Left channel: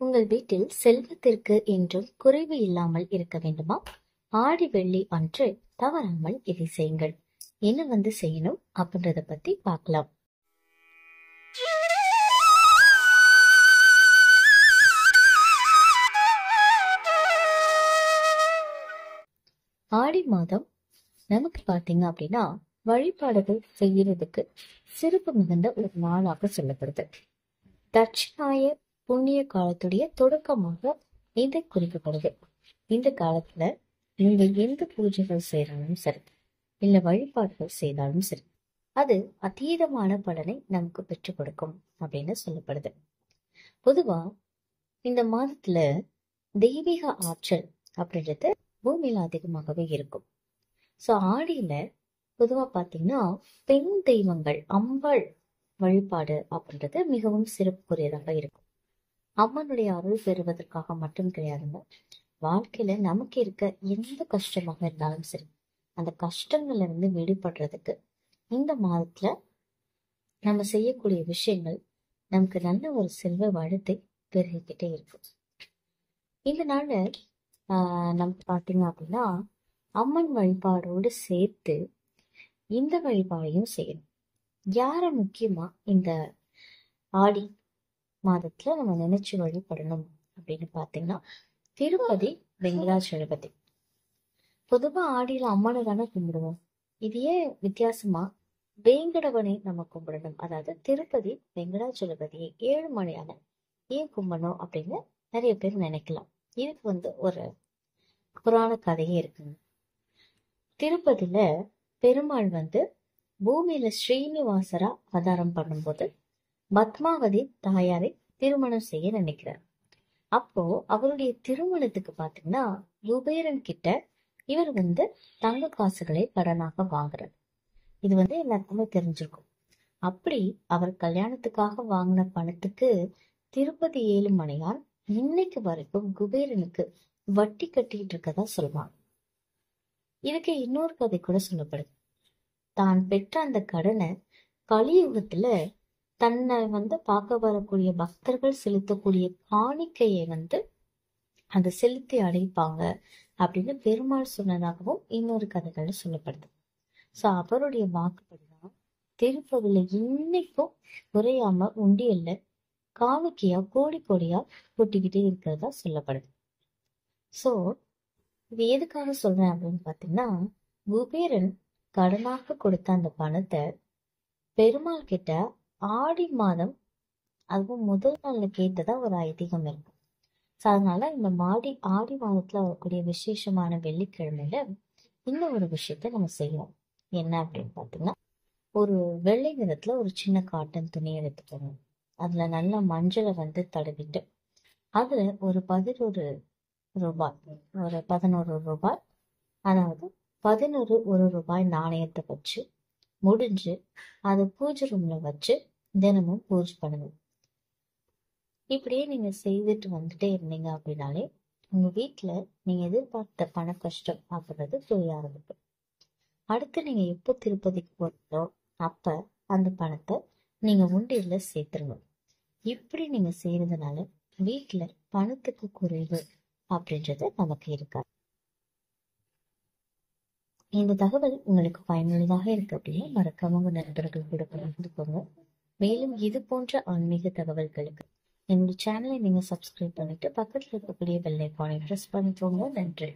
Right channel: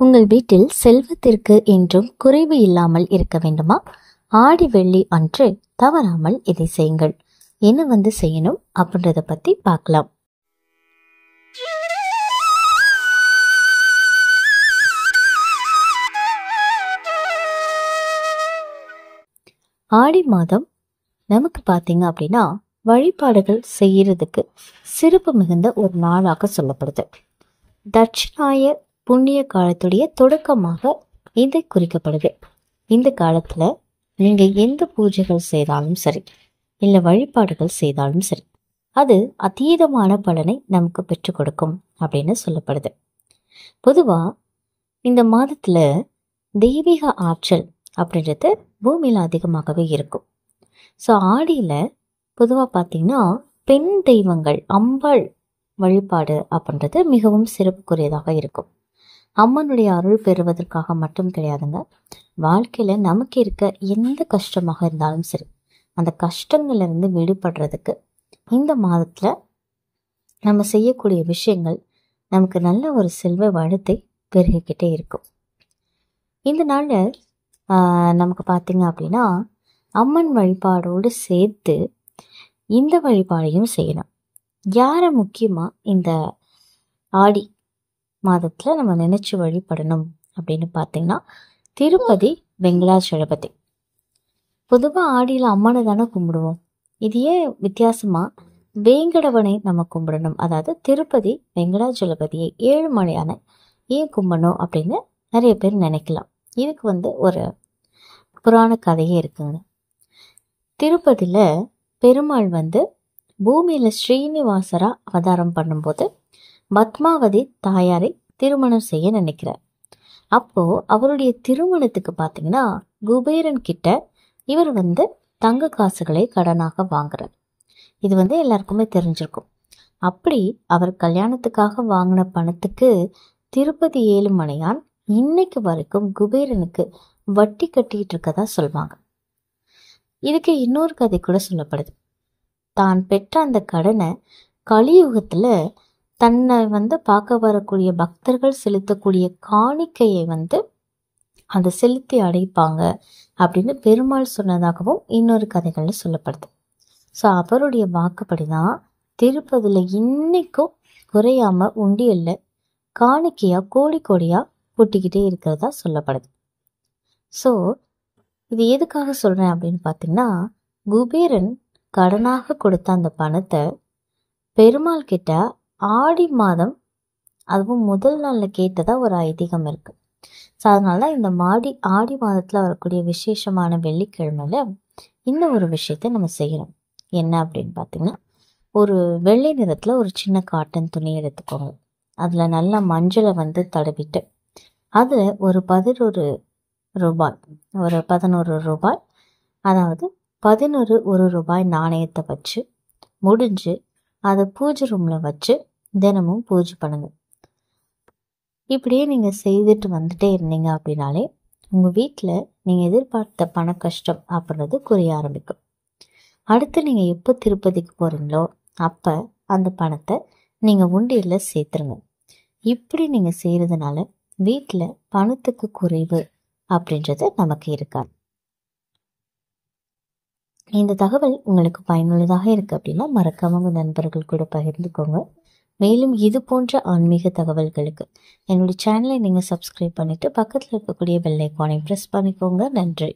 உங்கள் வீட்டில் செல்வத்திற்கு என்றும் குறைவு இல்லாமல் இருக்க வேண்டுமா? ஆடி வெள்ளி அன்று தவறாமல் இதை செய்யுங்கள். என்ன செய்யணும் அப்படின்றத பத்தி பார்க்கலாம். ஆடி மாதம் நமக்கு பார்த்தீங்க அப்படின்னா வழிபாடுகள் செய்யறதுக்கு சிறப்பு மிகுந்த ஒரு நாளாக சொல்லப்படுது. தட்சிணாய புண்ணிய காலத்துடைய தொடக்கமாக இது குறிக்கப்படுது. இந்த காலத்துல நீங்க எந்த பூஜைகள் செய்தாலும் சரி, இல்ல வழிபாடுகள் செய்தாலும் சரி, அது அதீதமான பலனை நமக்கு பெற்றுக் கொடுக்கும் அப்படின்னு சொல்லப்படுது. பொதுவா இந்த மாதத்துல தெய்வீக ஆற்றல் அப்படின்றது பூமியில அதிகமாகவே இருக்கும். ஸோ ஆடியில பொதுவாக பார்த்தீங்கன்னா பெண் தெய்வங்கள் அம்பாள் வழிபாடு அப்படின்றது மிகவும் சிறப்புக்குரியதாக இருக்கும். அம்மனுடைய அருள் பெறுவதற்காக மட்டும் கிடையாதுங்க. வாழ்க்கையில நமக்கு இருக்க எந்த கஷ்டமாக இருந்தாலும் சரி, அந்த கஷ்டங்கள்ல இருந்து விடுபடுறதுக்கு இந்த மாதத்துல நம்ம செய்யக்கூடிய விஷயங்கள் நமக்கு நல்ல ஒரு செல்வ வளத்தை பெருகிக்கிட்டே இருக்கும். இந்த நாள்ல நமக்கு பார்த்தீங்க அப்படின்னா அம்மன் வழிபாடோடு சேர்த்து இந்த வழிபாடையும் செய்யணும். யாரை முக்கியமாக இந்த ஆடி மாதத்தில் நம்ம நினைச்சு வழிபடணும் அப்படின்னு பார்த்தீங்கன்னா திருப்பதி வெங்கடாச்சலபதி. பொதுவாக ஆடியில் அம்மனை தானே கும்பிடுவோம். இது ஏன் வித்தியாசமாக வேங்கடவனை நம்ம கும்பிடணும், அதாவது திருப்பதி வெங்கடாச்சலபதியை ஏழுமலையான ஏன் கும்பிடணும் அப்படின்னு நிறைய பேர் நினைக்கலாம். இதுக்கு ஒரு புராண கதையே இருக்குங்க. திருப்பதியில் பெருமாள் பூமியில் ஸ்ரீனிவாசரா அவதாரம் பண்ணும்போது பத்மாவதி தாயாரை திருமணம் செய்ய நினைக்கிறார். அப்போ அவருடைய திருமணத்துக்கு பார்த்தீங்கன்னா குபேரன் கிட்ட இவர் தங்க காசுகளை கடனாக வாங்குறார். இது எல்லாருக்குமே தெரிஞ்சிருக்கும். அப்படி அவர் கல்யாணத்துக்காக வாங்கின பணத்துக்கு திருப்பதி ஏழுமலையான் இன்னைக்கு வரைக்கும் குபேரனுக்கு வட்டி கட்டிட்டு இருக்கதா சொல்வாங்க. இதுக்கு இன்னொரு கதை கூட சொல்லப்படுது. தான் பெற்ற அந்த கடனை கலியுகத்துல தன்னை பார்க்க வரக்கூடிய பக்தர்கள் செலுத்தக்கூடிய காணிக்கையை அதை செலுத்தி அடைப்பாங்க அப்படின்னு பெருமாள் சொன்னதாகவும் இன்னொரு கதைகள்ல சொல்லப்படுது. ஸோ அவருடைய வாக்குப்படிதான் திருப்பதியில இன்னைக்கும் குறையாம உண்டியல்ல காணிக்கையா கோடி கோடியா கொட்டிக்கிட்டே இருக்கிறதா சொல்லப்படுது. ஸோ இது எதுக்காக சொல்றேன் அப்படின்னு பார்த்தீங்கன்னா, குபேரன் கடனாக கொடுத்த அந்த பணத்தை பெருமாள் கிட்ட ஆடி மாதம் அதுவும் முதல் நாளில் கேட்டதா ஒரு ஐதீகம் இருக்கு. ஸோ அதனால இந்த ஆடி மாதத்தில் வரக்கூடிய விசேஷமான வெள்ளிக்கிழமையில இந்த ஒரு விஷயத்த நம்ம செய்யணும். என்ன அப்படின்னு பார்த்தீங்கன்னா, ஒரு வெள்ளை நிறத்தில் ஒரு சின்ன காட்டன் துணி எடுத்துக்கோங்க. அதில் நல்லா மஞ்சளை தடவிட்டு அதில் ஒரு 11 ரூபாய், அதாவது 11 1 ரூபாய் நாணயத்தை வச்சு முடிஞ்சு அதை பூஜை ரூமில் வச்சு தினமும் பூஜை பண்ணுங்க. இப்படியே நீங்கள் செய்துட்டு வந்துட்டே இருந்தீங்க அப்படின்னாலே உங்கள் வீட்டில் நீங்கள் எதிர்பார்த்த பண கஷ்டம் அப்படின்றது குறைய ஆரம்பிக்கும். அடுத்து நீங்கள் எப்போ திருப்பதிக்கு போகிறீங்களோ அப்போ அந்த பணத்தை நீங்கள் உண்டியலில் சேர்த்துருங்க. இப்படி நீங்கள் செய்கிறதுனால வீட்டில் பணத்துக்கு குறைவு அப்படின்றது நமக்கு இருக்காது. இந்த தகவல் உங்களுக்கு பயனுள்ளதாக இருக்கு அப்படின்னா மறக்காம உங்கள் நண்பர்கள் கூட பகிர்ந்துக்கோங்க. மேலும் இது போன்ற ஆன்மீக தகவல்களுக்கு என்னுடைய சேனலை நீங்கள் சப்ஸ்கிரைப் பண்ணிட்டு பக்கத்தில் இருக்கக்கூடிய பெல் ஐகானை ப்ரெஸ் பண்ணிக்கோங்க. நன்றி.